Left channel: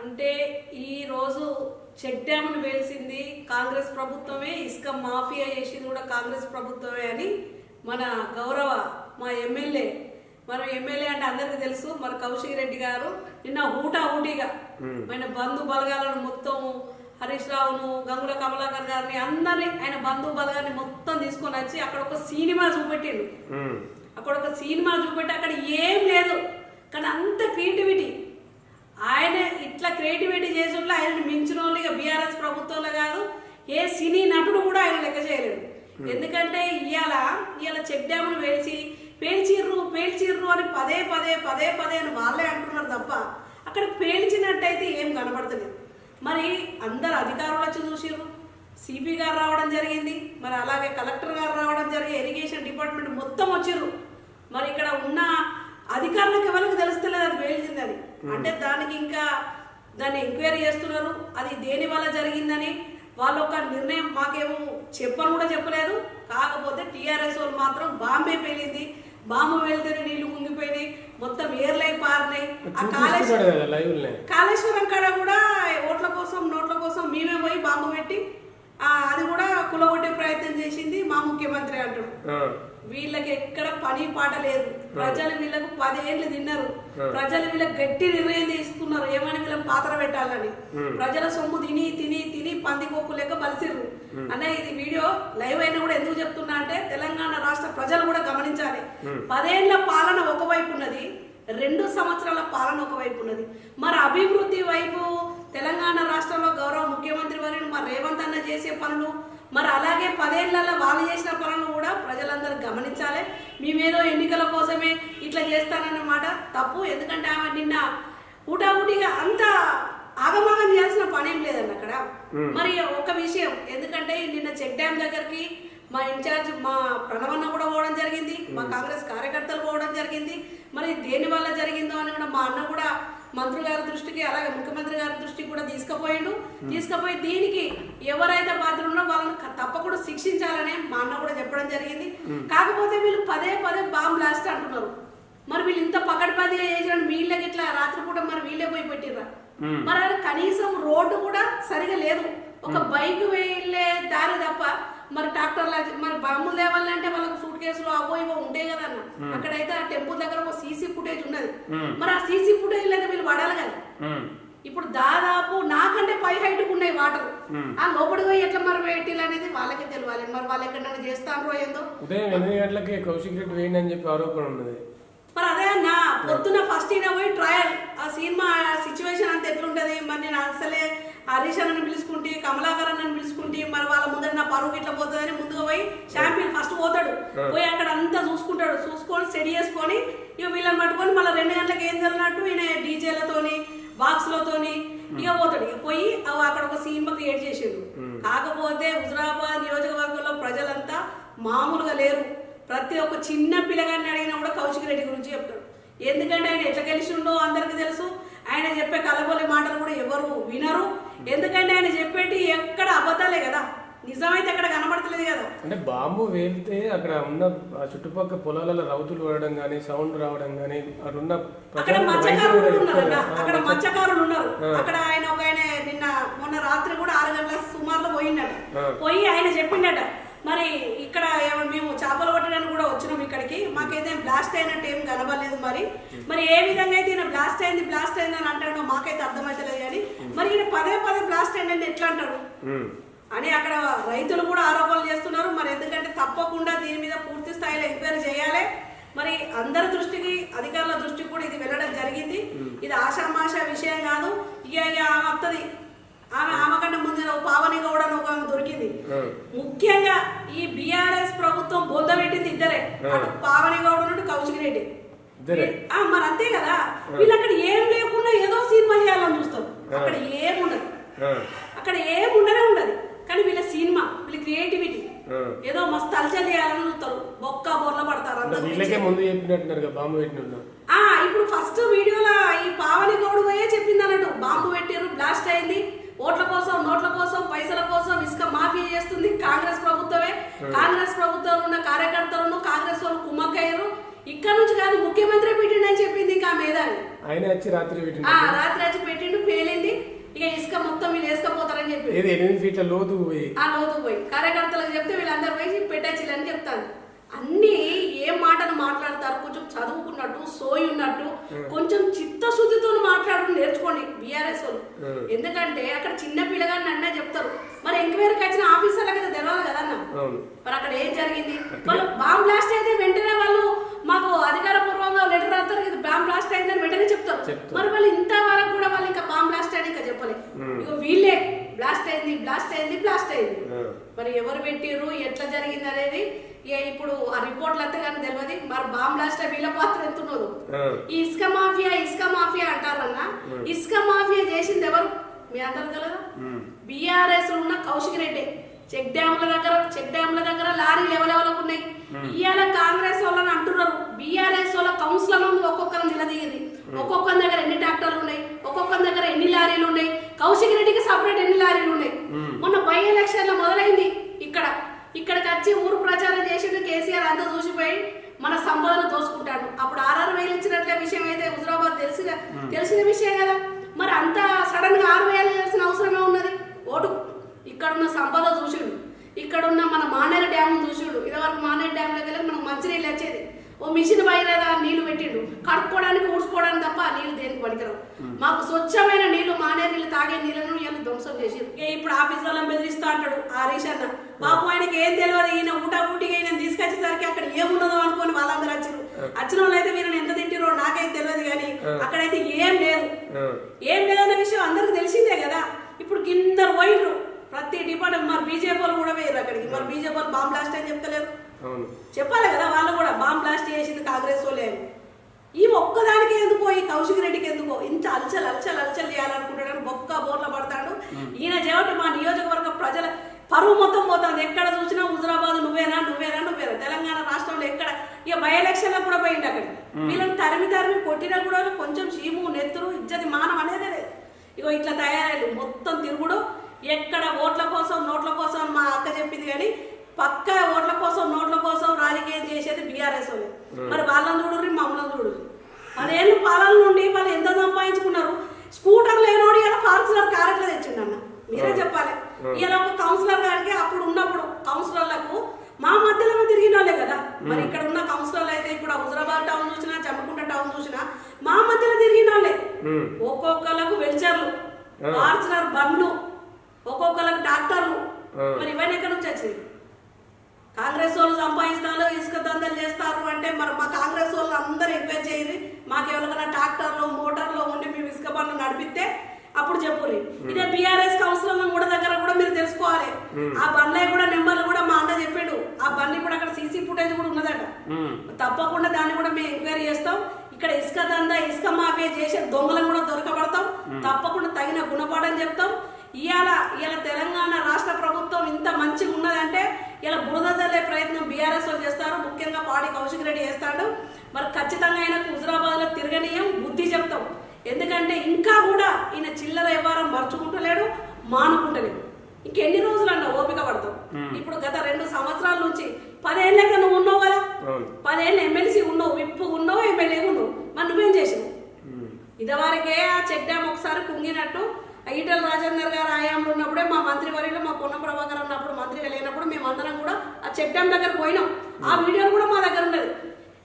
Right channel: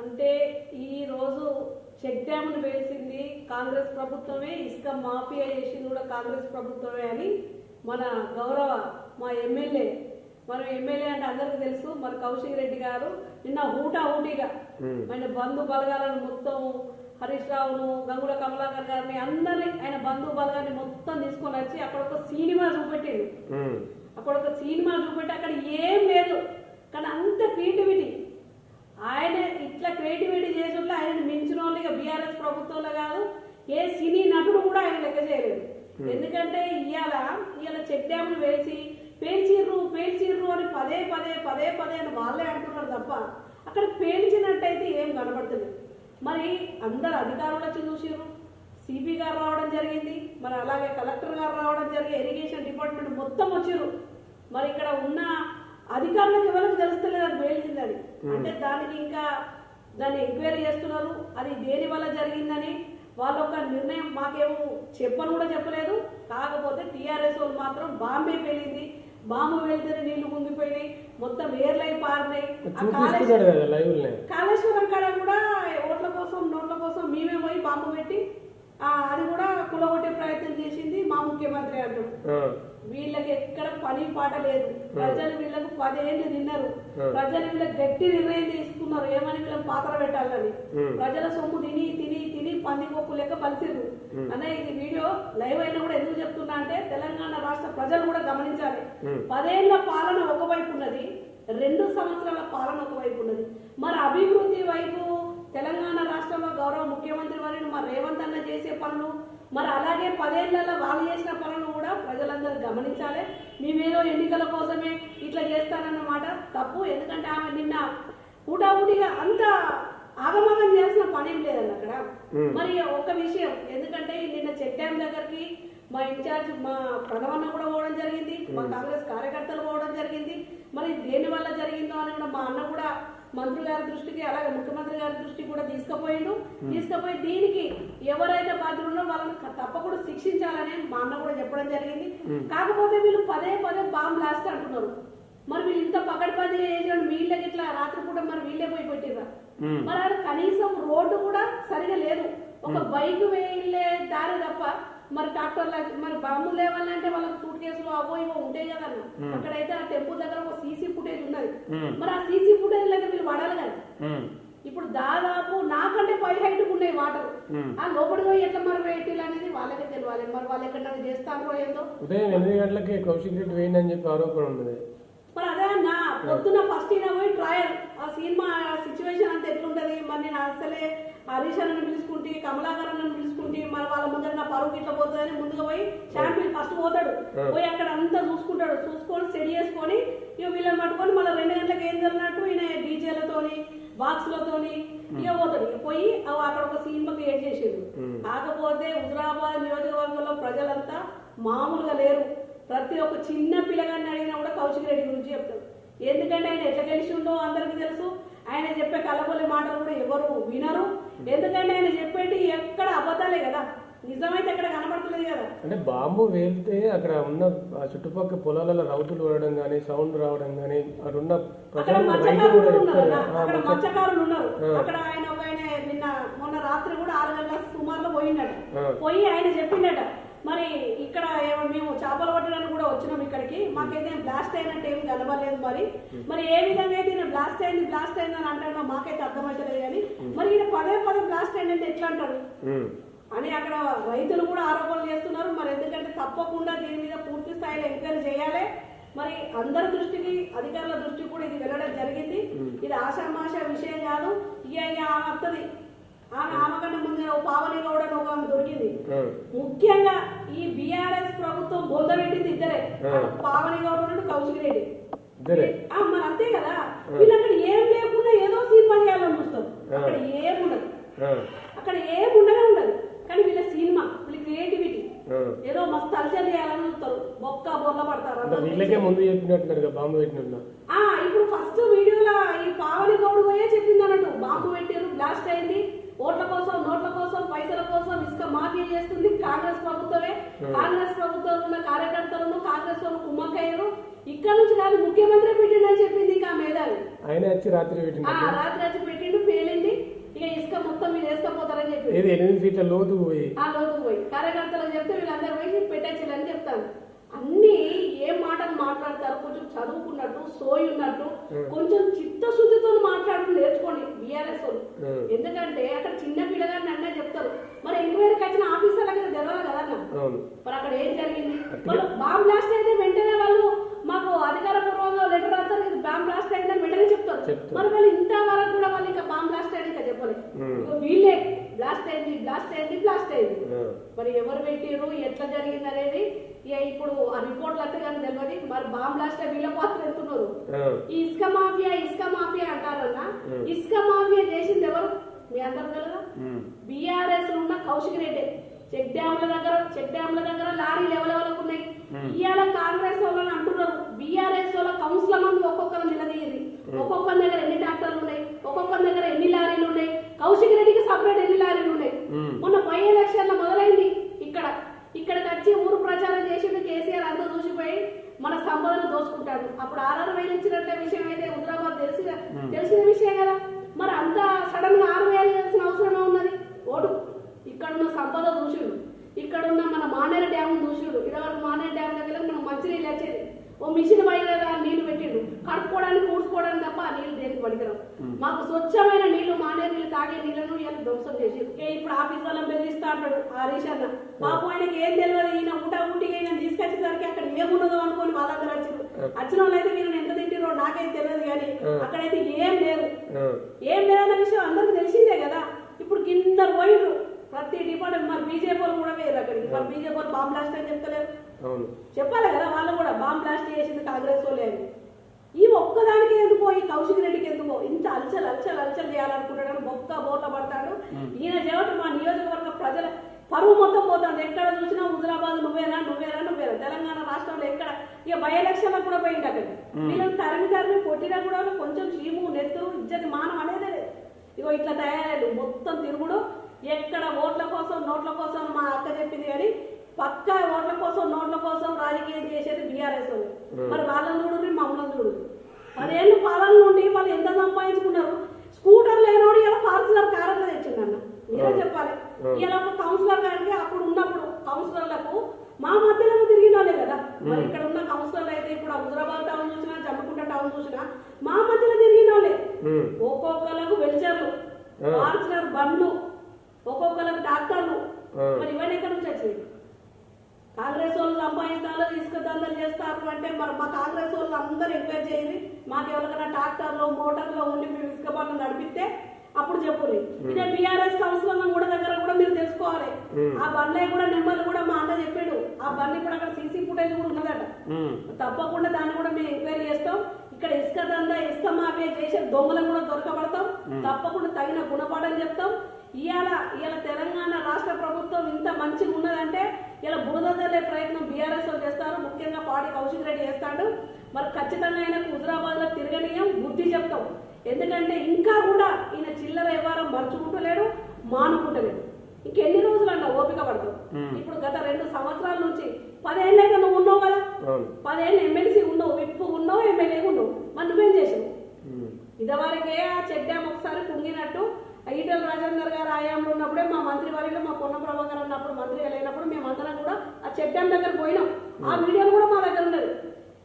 అంటే ఈ రోజు చెక్ డ్యామ్ను వేల్సింది కాంగ్రెస్ ప్రభుత్వమే ఇసుక మాఫియా చేసింది కూడా కాంగ్రెస్ ప్రభుత్వమే అని మన గౌరవ మా ఎమ్మెల్యే మన ఎమ్మెల్యే అంటే అందరికీ తెలుసు మన కౌశిక్ రెడ్డి గారు నిన్న ఊటా ఊటీగా ఆయన బంధు బలగాలను మొత్తము హరీష్ రావును గంగుల కమలాకర్ గారిని అందరినీ ఆయన బంధు బలగాన్ని మొత్తం తీసుకొని వచ్చి అక్కడ ఒక సినిమా చూపెట్టిండు. అక్కడ ఒక సినిమా చూపెట్టి అక్కడ ఏం లేదు. కానీ అంత క్రియేటివిటీ ఆయన ఇట్లా క్రియేటివిటీ చేసుంటే ఆయనను మించిన వాళ్ళు ఇక బీఆర్ఎస్ ప్రభుత్వంలో కాదు ఏ సినీ నటుడు కూడా ఆయన లెక్క చేయలేడు ఎందుకంటే ఇవాళ ఇవాళ చెక్ డ్యామ్ను వేల్చి పేల్చిర్రు పేల్చిర్రు అని పదే పదే పదే పదే అని వాళ్ళే అంటున్నారు తప్ప అక్కడ పేల్చినట్టయితే ఏం కనబడతలేదు. మరి అందరు అధికారులు వచ్చి చూసిర్రు. సిపి గారు రావడం జరిగింది. మరి అలాగే కలెక్టర్ గారు రావడం జరిగి ఇరిగేషన్ డిపార్ట్మెంట్ మొత్తం వచ్చిర్రు. మరి ఇక్కడ ఉన్న అధికారులకు ఎవరికి తెలుస్తలేదు అది పేలిందని అంటే దానికి ఇంకా దాన్ని ఎంక్వైరీ చేస్తున్నారు. అది దేని వల్ల జరిగిందని వాళ్ళు ఒక నిర్ణయం మాకేమో చెప్పని కూడా చెప్పలేదు. కాకపోతే టీఆర్ఎస్ వాళ్ళు మాత్రం బాంబే పేలింది. బాంబు వెళ్తేనే నీళ్ళు కుంగిపోయినాయి. మొత్తం ఏర్లై పారినాయి. ఆ కాళేశ్వరం కాడ కూడా ఓట్ల కోసం నోట్ల కోసం మేమే పోయి బాంబు పెట్టి అది కూడా కులగొట్టే ప్రయత్నం చేసింది మా ముఖ్యమంత్రి అంటాడు. వీళ్ళకి ఎక్కడ పని పాట లేదు. ప్రజలు వీళ్ళకు పదేళ్ళు తిన్నారు. ప్రజలు వీళ్ళకి గట్టి నిర్ణయం తీసుకున్నారు. ఏమని వీళ్ళకి పాత్ర పెట్టాలని? ప్రజల సొమ్ము తిని తిని తిని పందికొక్కు లెక్క పలిసిర్రు. అన్న ఇది వీడియో లైవ్ అయినా కూడా ఎందుకు చెప్తున్నా అంటే తెలంగాణ రాష్ట్ర ప్రజలు కూడా గమనించాలి. పదేళ్ళ పాలన ఒకవైపు ఉన్నది రెండు సంవత్సరాల పాలన ఒకవైపు ఉన్నది. మరి అభివృద్ధి వైపు తెలంగాణ రాష్ట్రంలో గౌరవ ముఖ్యమంత్రి వారిని మరి రేవంత్ చేసే పనులు మరి అలాగే పదేళ్ళలో వాళ్ళు చేసిన పనులు కూడా ప్రజలందరూ గమనించాలి. మేమేదో ఎన్నికల కోసమే ఇట్లా చేస్తానన్నమాట తప్పు. ఎందుకంటే ఆమె నిన్న ఊటావుటిగా అంత ఆగమాగం చేయాల్సిన పని ఏం లేదండి అక్కడ. మరి ఒక విషయం ఎందుకంటే నిన్న చెక్ డ్యామ్ దగ్గరికి మా ఇన్ఛార్జ్ మా ప్రణవన్న కూడా పోవడం జరిగింది మా కాంగ్రెస్ కార్యకర్తలు పోవడం జరిగింది. మరి దేని వల్ల జరిగిందో అని కూడా మా అన్న కూడా మంత్రి గారి దృష్టికి అలాగే ముఖ్యమంత్రి గారి దృష్టికి కూడా తీసుకుపోయిండు. తీసుకుపోయి దీనికి ఎవరైతే బాధ్యులు ఉన్నారో వాళ్ళని తప్పకుండా శిక్షించాలని మా అన్న కూడా చెప్పడం జరిగింది. కాకపోతే వీళ్ళు పదే పదే బాంబ్ బ్లాస్ట్ అంటున్నారు. మరి వీళ్ళు ఇంత పకడ్బందీగా చేసిన వీళ్ళకి ఇట్లా రాత్రిపూట మరి వీళ్ళే పోయి పెట్టిర్రా? మరి కనీసం రోడ్డు కూడా సరిగా లేదు. ఒక బైక్ వెళ్ళే దారి తప్ప మరి ట్రాక్టర్ల మరి బాంబులు లేవాలంటే వాళ్ళకి సూట్ కేసులు అవో ఇవో ఉంటాయి కదా అన్న. అక్కడైతే ఆ టెంపుల్ దగ్గర ఒక సీసీ ఫుటేజ్ ఉన్నది. మరి ఆ సీసీ ఫుటేజ్ అయితే వీళ్ళు పడాలి కదా. ఇప్పుడు దాదాపు నాకంటే పై హైట్ ఉన్నాయి వాటర్. ఆ లోపలికి పోయి ఎట్లా మరి పెట్టిల్ అనేది వాళ్ళకే తెలియాలి. మరి వాళ్ళు ఎక్కడైనా చేస్తానో ఏందో? ఉదయం ఎనిమిది గంటలకి కౌశిక్ రెడ్డి వేయండి చెప్పి ఆరోపణ ఉన్నది. మరి అదే అన్న పొద్దున ఫస్ట్ ఈయన పోయి ట్రయల్ ఆ సినిమా సిచ్యువేషన్ అంతా ఎట్లుంటది? మరి నేను అసలే హరీష్ అన్నని పిలుచుకుంటే కమలాకర్ అన్నని పిలుచుకుంటే మరి వాళ్ళ ముందర నా పరువు ఇట్లా పోతుందని ముందుగా పోయి షాంపియన్ ఫస్ట్ పోతాడు. పోయి అక్కడ అంతా చూసుకుంటాడు. చూసుకొని స్టడీ చేసుకొని ఇక వీళ్ళని పట్టుకొని మళ్ళీ రెండు గంటలకు ఏం జరిగినట్టు ఈయన డీజేలతోని బాక్స్లతోని ఇక పోతాడు. ఇక పోయి అక్కడ ఒక సినిమా క్రియేట్ చేసిండు. కాకపోతే హుజరాబాద్ నియోజకవర్గంలో ప్రజలంతా మామూలుగా లేరు. ప్రతి ఒక్క చిన్న పిల్లగాన్ని అడిగినా కూడా కౌశిక్ రెడ్డి గురించి చెప్తాడు. ఎందుకంటే ఆయన ఎట్లా గెలిచిండో అందరికీ తెలుసు. ఆయన చెప్పే కలబొల్లి మాటలు కూడా ఎవరు వినరు. ఎందుకంటే ఆయన చెప్పేటి ఎక్కడ అబద్ధాలే కదా? నిజమైతే ఎక్కడ కనబడతలేదు కదా? అంటే బాంబు వేలితే అక్కడ ఉన్న ఆ చుట్టుపక్కల పొలాలలో రౌతులు పడడం కానీ సౌండ్ రావడం కానీ అక్కడ ఉన్న అక్కడ మత్స్యకారులు. ఆ, అక్కడ మత్స్య- మత్స్యకారులు ఉన్నారు. అక్కడ ఆయన ఒక ఆయన నిన్న మొన్న రాత్రి కూడా ఆరు గంటల సుమారులో పోయిండట పోయి ఆయన చెప్పిండట మరి ఇక్కడ మేము చేపలు పట్టడానికి కూడా వచ్చినాం ఇక్కడికి. మాకైతే బ్లాస్ట్ అయినట్టు ఏం కనబడలేదు మరి. మరి ఏ విధంగా అయితే బ్లాస్ట్ అయింది బ్లాస్ట్ అయింది అని అంటాడో మాకైతే అర్థమవుతలేదు కానీ మరి ఈయన పదే పదే బ్లాస్ట్ అయింది ఎట్లా ఉమ్. అని అక్కడ రైతులు కూడా ఆరోపణలు చేస్తున్నారు. మరి ఎందుకంటే తప్పకుండా దీని మీద పూర్తి స్థాయిలో ఎంక్వైరీ చేయాలి. మరి అందరి దృష్టికి అధికారుల దృష్టికి కూడా ఇది వెళ్ళడం జరిగింది. ఇది ఆషామాషా విషయం కాదు. ఇక ఆమె వస్తుంది ఆమె ఆమె కంటే ముందు పావని గౌడ ఒక దొరికింది. ముఖ్యంగా ఈ బీఆర్ఎస్ ప్రభుత్వం బొంద పెట్టింది ఇద్దరే. పావని గౌడ నుండి కౌశిక్ రెడ్డి. మరి అంతే కదా. వీళ్ళు అక్కడ ఏం లేకుండా ఏదో సినిమా చేయాలని చూస్తారు అక్కడ ఏముండదు. అక్కడ ఏముండనే ఉండదు. కానీ వీళ్ళ సినిమా వీళ్ళ క్రియేటివిటీ. ఏదో మస్తు చూస్తారు. బొక్క బొర్ల పడతారు వీళ్ళకే ముందు చెప్పినట్టున్నారు బాంబు ఇప్పుడు ఫస్ట్ వీడియోలో ఈ పావని గౌడు పోయే చెప్పింది అన్నట్టు. బాంబు పెట్టారు బ్లాస్ట్ అయింది. ఓట్ల కోసం నోట్ల కోసం పైసల కోసం ఇసుక మాఫీ చేస్తుంది కాంగ్రెస్ ప్రభుత్వమే. కాంగ్రెస్ ప్రభుత్వంలో ఉన్న కార్యకర్తలను కాంగ్రెస్ వాళ్ళు కుమ్మక్కయ్యారు. ఇక్కడ నుంచి కాదు ముఖ్యమంత్రి పెట్టిండని చెప్పింది ఇంకా మేధావి. ఆయన వచ్చి రాత్రి రాత్రి వచ్చి పెట్టిండు పేలింది ఏది ఎనిమిది ఫీట్ల లోతు పోయి. ఆ లోతు పోయి. కార్యకర్తలకు చెప్తే వీళ్ళందరూ పోయి పెట్టేచ్చిల్లని చెప్తాను అన్ని ఏ మాటలు మాట్లాడతారు? కొంచెం చదువుకున్నట్టు సోయి ఉన్నట్టు కొంచెం చిత్తశుద్ధితో మాట్లాడడం నేర్చుకోండి బీఆర్ఎస్ వాళ్ళు. ఎందుకంటే అక్కడ చిన్న పిల్లగాన్ని అన్నా చెప్తారు. మరి ఎంక్వైరీకి వచ్చిన ఆఫీసర్లకు అది తెలియదు కదా అన్న? మరి అక్కడ ఏం జరిగింది? వాళ్ళు బాంబ్ బ్లాస్ట్ అయితే వెంటనే వాళ్ళు మాకు అధికారపూర్వంగా లెటర్ రాస్తారు. ఇది బాంబ్ బ్లాస్ట్ అయిందని వెంటనే చెప్తారు. చెప్తారు. మరి వాళ్ళు ఇంతవరకు కూడా వాళ్ళు ఇంకా బాంబ్ ఇంకా చెప్పలేదు వీళ్ళే బ్లాస్ట్ అయింది బ్లాస్ట్ అయింది బ్లాస్ట్ అయింది. మరి ఎవరు పెట్టిర్రు ఎట్లా జరిగింది అనేది ఇప్పుడు ఆ రిపోర్ట్లు అంతా కానీ తెలియదు మరి బాంబ్ బ్లాస్ట్ వీళ్ళ పాత్ర ఎంత ఉన్నదో ఆ. ఈ ఇసుక మాఫియా ఇసుక మాఫియా అంటారన్న ఇసుక మాఫియా చేసింది ఎవరు? మీ అందరూ ఉం. బీఆర్ఎస్ ఉన్న కౌశిక్ రెడ్డి. చెక్ డ్యాముల దగ్గర చెక్ డ్యాముల దగ్గర లారీలు ఎవరెవరికి ఉన్నాయి. ఇవాళ కాంగ్రెస్ వాళ్ళని అంటున్నారు. బీఆర్ఎస్ వాళ్ళ కౌన్సిలర్ ముందు ఒక్కొక్కరు నిలదీయింది ఒక్కొక్కరి దగ్గర ఎన్ని ట్రాక్టర్లు ఉన్నాయి? ఒక్కొక్కరి దగ్గర ఎన్ని లారీలు ఉన్నాయి? కౌశిక్ రెడ్డికి సపరేట్ ఎన్ని లారీలు ఉన్నాయి? మొన్న బై ఎలక్షన్లో మొదలైంది ఇక్కడ. ఇక్కడికి వచ్చి ఊరు ప్రచారం చేసిండు కేసీఆర్ అంతా చూసిపోయి మన సంపదను దోసుకుంటాడు అప్పుడు ఆర్ఆర్ వేలు ఇచ్చినట్లే విషయం అయితే హుజరాబాద్ తెలిసిన తెలిసిన విషయం కదా మరి అంత సడన్గా ఆరు వేలు చేయాల్సిన అవసరమే ఉన్నది ఓటు ఇక్కడున్న సంపద చూసిండు. ఇక్కడున్న మన మానేరు డ్యామ్ చూసిండు. ఇదివరకు మానేరు డ్యామ్ దగ్గర మనకు మంచినీళ్ళు వచ్చేది. ఓ మిషన్ బయలుదేరా నీళ్ళు పెట్టిండు. కడుక్కోవడానికి ఊడ్చుకోవడానికి తప్ప ఆ నీళ్ళు దేనికి పనికిరావు. మాకు స్వచ్ఛమైన నీళ్ళు మానేరు నీళ్ళు తాగే నీళ్ళను వీళ్ళు ధ్వంసం చేసి ఇప్పుడు ఆఫీస్ వాళ్ళని బెదిరిస్తా అంటాడు హరీష్ అన్న బాబు ఆయనకి ఏం తెలియదు ఈయన ఊటా ఊటికి ఈయన తీసుకొచ్చేసరికి అక్కడ ఏమున్నదో అనుకొని వాళ్ళందరూ వచ్చారు వచ్చిన వాళ్ళు అయితే వీళ్ళని ఎంత తింటారో నాకైతే తెలియదు కానీ అక్కడైతే ఏం లేదు. ఆ. ఏం లేదన్న విషయం అందరికి తెలిసిందే కదా. ఇప్పుడు కింద పోయిర్రు ప్రతి డిపార్ట్మెంట్ మరి బీజేపీ వాళ్ళు కూడా పోయారు అక్కడికి. మరి బీజేపీ వాళ్ళు బాంబ్ బ్లాస్ట్ అని చెప్తలేరు. అవును. చెప్పాలి కదా వాళ్ళు కూడా బాంబ్ బ్లాస్ట్ చేసింది కాంగ్రెస్ వాళ్ళే ఈ ఒక్కదానికి ఎందుకో ఈ కౌశిక్ రెడ్డికి ఎందుకో? ఇంత అలచల్ అలచల్ అలచల్ చేయాలనుకుంటాడు బొక్క బోర్ల పడతాడు. ఈయన చెవిటి మా నియోజకవర్గ ప్రజల పరువు మొత్తం పోతుంది. ఎక్కడ చూసినా హుజరాబాద్ నువ్వేనా నువ్వేనా నువ్వేనా? తెలంగాణ రాష్ట్రంలో ఎక్కడ? ఇక బై ఎలక్షన్ కూడా పోయింది అక్కడ వీళ్ళని తరిమి తరిమి కొట్టినా కూడా కొంచెం చీము నెత్తురు ఇజ్జతి మానం అనేది లేదు ఇగో ఇట్లా తయారయ్యారు మొత్తం తిరుగుడు. ఎక్కడ ఓట్ల కోసం నోట్ల కోసం మా అక్క చెప్పింది కానీ పక్కా ఓట్ల కోసం నోట్ల కోసం రాజకీయం చేసేది బీఆర్ఎస్ మరి వాళ్ళని చూడరు మమ్మల్ని చూడరు పదేళ్ళు పాలన నుండి వాళ్ళు ఎంత సంపాదించుకున్నారు? స్కూటర్ లేనోడు ఇలా ఫార్చునర్ క్యారెక్టర్ తెచ్చిండన్న మీరే చెప్పాలి. ఇలా ఒక కౌన్సిలర్ గారికి అప్పుడు ఉన్నప్పుడు కౌన్సిలర్లకు మా మధ్యలో తిరిగిన వాళ్ళే కదా. మరి ఇక్కడ ఉన్న కౌన్సిలర్లు అయితే ఇప్పుడు హుజరాబాద్ టౌన్ చూసినా జమ్మకుంట టౌన్ చూసినా మా మధ్యలో తిరిగిన వాళ్ళే. ఉం. ఒక్కొక్కలకు వెల్చర్లు ఫార్చునర్ బండ్లు ఒక్కొక్కలకు డాక్టర్లు. మరి ఇవన్నీ ఎక్కడి నుంచి వచ్చినాయి కాంగ్రెస్ వాళ్ళు సంపాదిస్తారు ఇసుక దందలు చేస్తారు అంటే మరి మా కాంగ్రెస్ వాళ్ళు అందరూ ఎంకరేజ్ చేయరు మాకు ఎవరికైనా ట్రాక్టర్లు మోటార్లు ఉండి మేము ఇసుక బండ్లు నడిపిస్తే అప్పుడు చెప్పురి ఇదే బీఆర్ఎస్ కౌన్సిలర్ కూడా దగ్గర కూడా మీరు తెలుసుకోవాలి. ఆ బండ్లే కూడా నెంబర్లు కూడా మా అన్న చెప్పాడు. ఆ బండి ఇప్పుడు అక్కడ సీసీ ఫుటేజ్ కూడా ఉన్నదట. తప్పకుండా దాన్ని కూడా మేము ఎంక్వైరీ చేస్తాం. ఇక్కడ ఇసుక దందా ఇసుక మాఫియా చేసే దొంగలను కూడా దొరకబడతాం. తప్పకుండా తగిన గుణపాఠం చెప్తాం. ఇవాళ ఇవాళ తెలంగాణ రాష్ట్ర ప్రభుత్వం ఇంత మంచిగా ఉన్నదంటే ఇలా బురద చల్లే ప్రయత్నం బీఆర్ఎస్ వాళ్ళు చేస్తారు. ముఖ్యంగా పాడి కౌశిక్ రెడ్డి చేస్తాడు. మరి ఖచ్చితంగా ఆయనకు హుజరాబాద్లో తిరగనీయం బుద్ధి చెప్తాం. ఎందుకంటే ఇంకా కూడా ఈయన చిల్లర వ్యవహారం మర్చుకుంటలేడు మానుకుంటలేడు. ఇంకెన్ని రోజులు అన్న ఓపిక పడతాం. ఇప్పుడు గత రెండు సంవత్సరాల నుంచి పదేళ్ళకి నువ్వు ఉన్నావు కదా? పదేళ్ళు ఎమ్మెల్సీ ఉన్నావు విప్పు ఉన్నావు ఎమ్మెల్యే ఉన్నావు. మరి నువ్వేం చేసావు. ఇదివరకే ఆ చెక్ డ్యామ్ ఒకసారి కుంగినట్టు ఈటల రాజేందర్ గారు ఆయాంలో ఉన్నప్పుడే మా మంత్రి వర్యులు మా పొన్న ప్రభాకర్ ఉన్నప్పుడు మంత్రిగా లేనప్పుడు మేము అందరం కూడా ఆ డ్యామ్ దగ్గర పోయినాం. ఆ వీడియోలు కూడా మా దగ్గర ఉన్నది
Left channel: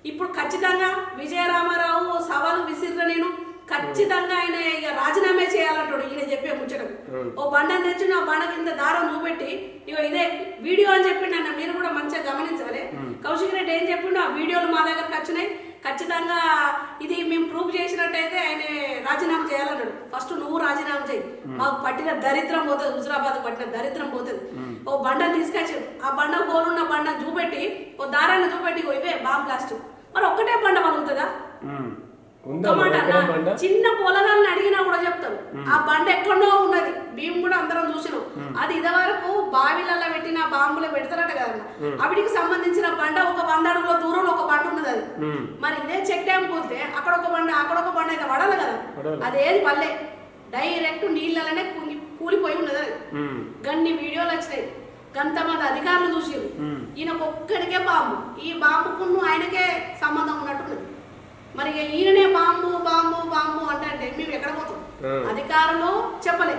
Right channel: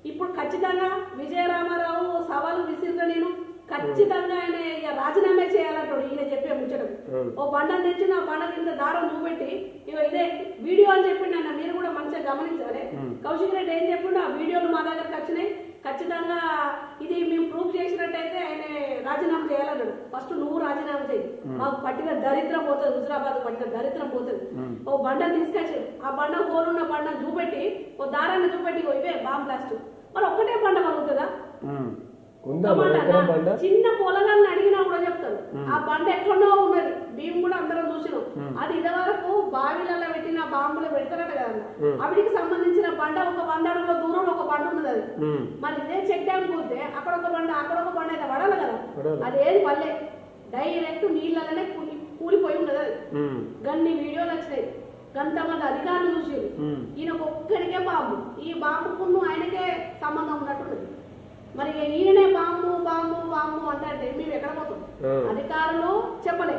ఇప్పుడు ఖచ్చితంగా విజయరామారావు సవాలు విసిరిన నేను ఖచ్చితంగా ఆయన ఇక రాజీనామా చేయాలంటాడు ఈయన చెప్పే ముచ్చటం ఓ బండని తెచ్చి ఆ బండ కింద దారం చూపెట్టి ఇగో ఇదే వీడియో అని చెప్పిండు అన్న మీరు కూడా మంచిగా గమనించాలి కౌశిక్ రెడ్డి ఏం చెప్పిండు? ఆ వీడియోలు మా దగ్గరకు వచ్చినాయి. ఖచ్చితంగా ఇది మేము ప్రూవ్ చేసినట్టయితే ఆయన రాజీనామా చేయాలన్నాడు. ఫస్ట్ నువ్వు రాజీనామా చేయి. మాకు పట్టిన దరిద్రం పోతుంది. హుజరాబాద్ పట్టిన దరిద్రం పోతుంది. ఓ బండను తీసుకొచ్చాడు ఆ బండ హోలున్న బండను చూపెట్టి ఓ దారాన్ని చూపెట్టి ఇవే బాంబ్ బ్లాస్ట్. మరి ఒక్కటే బండ పలుకుతుందా చిన్న పొలగాన్ని అడిగినా కూడా చెప్తారు ఆ బండ ఎక్కడో ఉన్నది. మేము కూడా అందరం చూసినాం. అది ఇదివరకు బావిలలో పెట్టిన బాంబులు పెడతారట కదన్న. అవిటికి సంబంధించిన బండ ఒక వంద అడుగుల దూరంలో ఒక బండ ఉన్నది అది. మరి ఇదే చెక్ డ్యామ్ పోతే అక్కడ ఒక బండ అక్కడ ఒక బండ అయితే పడాలి కదా. అదేది పల్లె. డైరెక్ట్ నీళ్ళలోనే కూలిపోయి ఉన్నది అది. గన్ని వీడియోలు వచ్చినాయి. గంతమంది అధికారులు చూసారు ఉం. ఈయనకు ఒక్కడికే బాంబు. ఈ బాంబుకును ఆయనకే సంబంధం ఉన్నట్టున్నది. మరి ఈయననే బాంబు బాంబు బాంబు అంటే మేము ఎక్కడ పోతాం. అధికారులు చెప్పలే.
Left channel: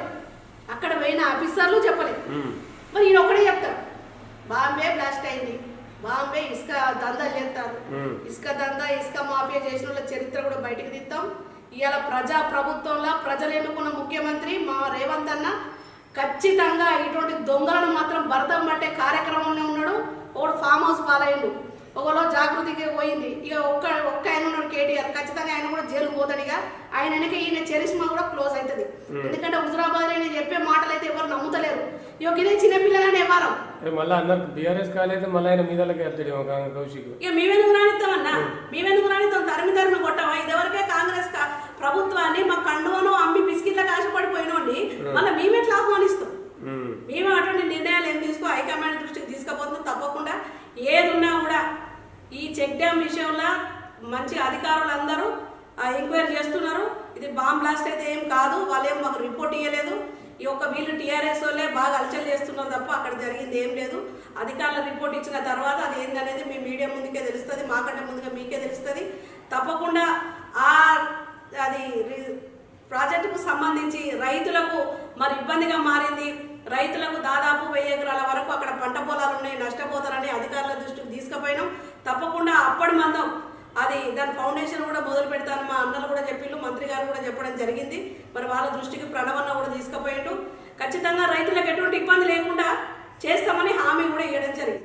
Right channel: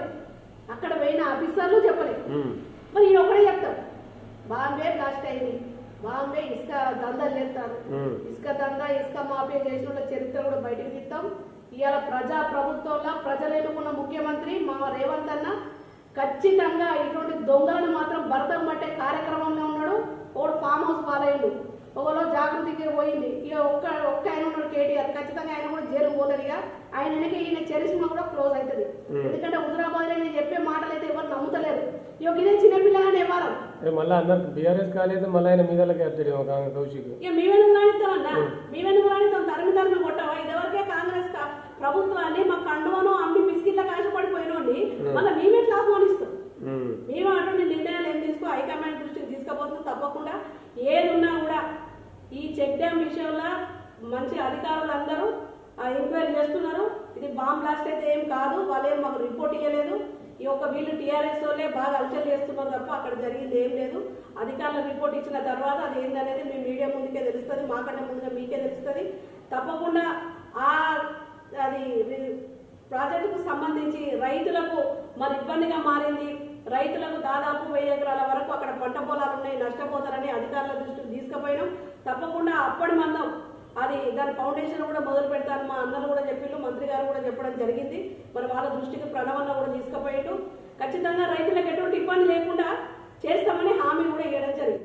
అక్కడ పోయిన ఆఫీసర్లు చెప్పలేదు ఉమ్. మరి ఈయన ఒకటే చెప్తాడు. బాంబే బ్లాస్ట్ అయింది. బాంబే ఇసుక దందాలు చేస్తారు. ఇసుక దందా ఇసుక మాఫియా చేసిన వాళ్ళ చరిత్ర కూడా బయటకు తీస్తాం ఇవాళ ప్రజా ప్రభుత్వంలో ప్రజలు ఎన్నుకున్న ముఖ్యమంత్రి మా రేవంత్ అన్న ఖచ్చితంగా ఇటువంటి దొంగలను మాత్రం భరతం పట్టే కార్యక్రమంలో ఉన్నాడు. ఒకడు ఫామ్ హౌస్ పాలయ్యిండు ఒకలో జాగృతికి పోయింది. ఇక ఒక్క ఒక్క ఆయన ఉన్నాడు కేటీఆర్. ఖచ్చితంగా ఆయన కూడా జైలుకు పోతాడు ఇక. ఆయన వెనక ఈయన చరిష్మా కూడా క్లోజ్ అవుతుంది. ఎందుకంటే హుజరాబాద్ ఆయన చెప్పే మాటలు అయితే ఎవరు నమ్ముతలేరు. ఇక ఇదే చిన్నపిల్లలని ఎవరు మళ్ళీ అన్నారు బీఆర్ఎస్ కాలేదు మళ్ళీ ఆయన ఒక కౌశిక్. ఇక మేమెందుకు రానిస్తామన్నా మేమెందుకు రానిస్తాం తరిమి తరిమి కొట్టావా? ఇదివరకే కాంగ్రెస్ ప్రభుత్వాన్ని మా కండువను అమ్మి బిస్కెట్లకు ఆశపడిపోయినోండి మళ్ళీ మేమెట్లా ఆహ్వానిస్తాం. మేము. అటువంటి నిర్ణయాలు ఏం తీసుకో హైకమాండ్ దృష్టికి తీసుకుపోతున్నాం తప్పకుండా. ఏది ఉన్నా కూడా విషయంలో మంచి అధికారులు అందరూ ఎంక్వైరీ చేస్తున్నారు. ఇది బాంబ్ బ్లాస్ట్ అయితే ఏం కాదు వాళ్ళు ఏం మాకు రిపోర్ట్ ఇవ్వలేదు ఈ యొక్క వీళ్ళు టీఆర్ఎస్ వాళ్ళే బాగా అలచలు చేస్తున్నారు తప్ప అక్కడ జరిగింది ఏం లేదు. అధికారులు రిపోర్ట్ ఇచ్చిన తర్వాత అది ఏందనేది మీ మీడియా ముందుకే తెలుస్తుంది మాకంటే ముందుగా మీకే తెలుస్తుంది. తప్పకుండా ఆ అది రి- ప్రాజెక్టుకు సంబంధించి రైతులకు మరి ఇబ్బందిగా మారింది. రైతులకు దాదాపు వెయ్యి ఎకరాల వరకు అక్కడ పంట పొలాలు ఉన్నాయి నష్టపోతారని అధికారుల దృష్టికి తీసుకుపోయినాం. తప్పకుండా అప్పటి మందం. అది దాని ఫౌండేషన్ కూడా మొదలు పెడతాను మా అన్నలు కూడా చెప్పిళ్ళు మంత్రి గారు కూడా చెప్పడం జరిగింది. మరి వాళ్ళ దృష్టికి ప్రణవన్న కూడా తీసుకుపోయిండు. ఖచ్చితంగా రైతులకు ఎటువంటి ఇబ్బంది లేకుండా చేస్తామని హామీ కూడా ఇవ్వడం జరిగింది.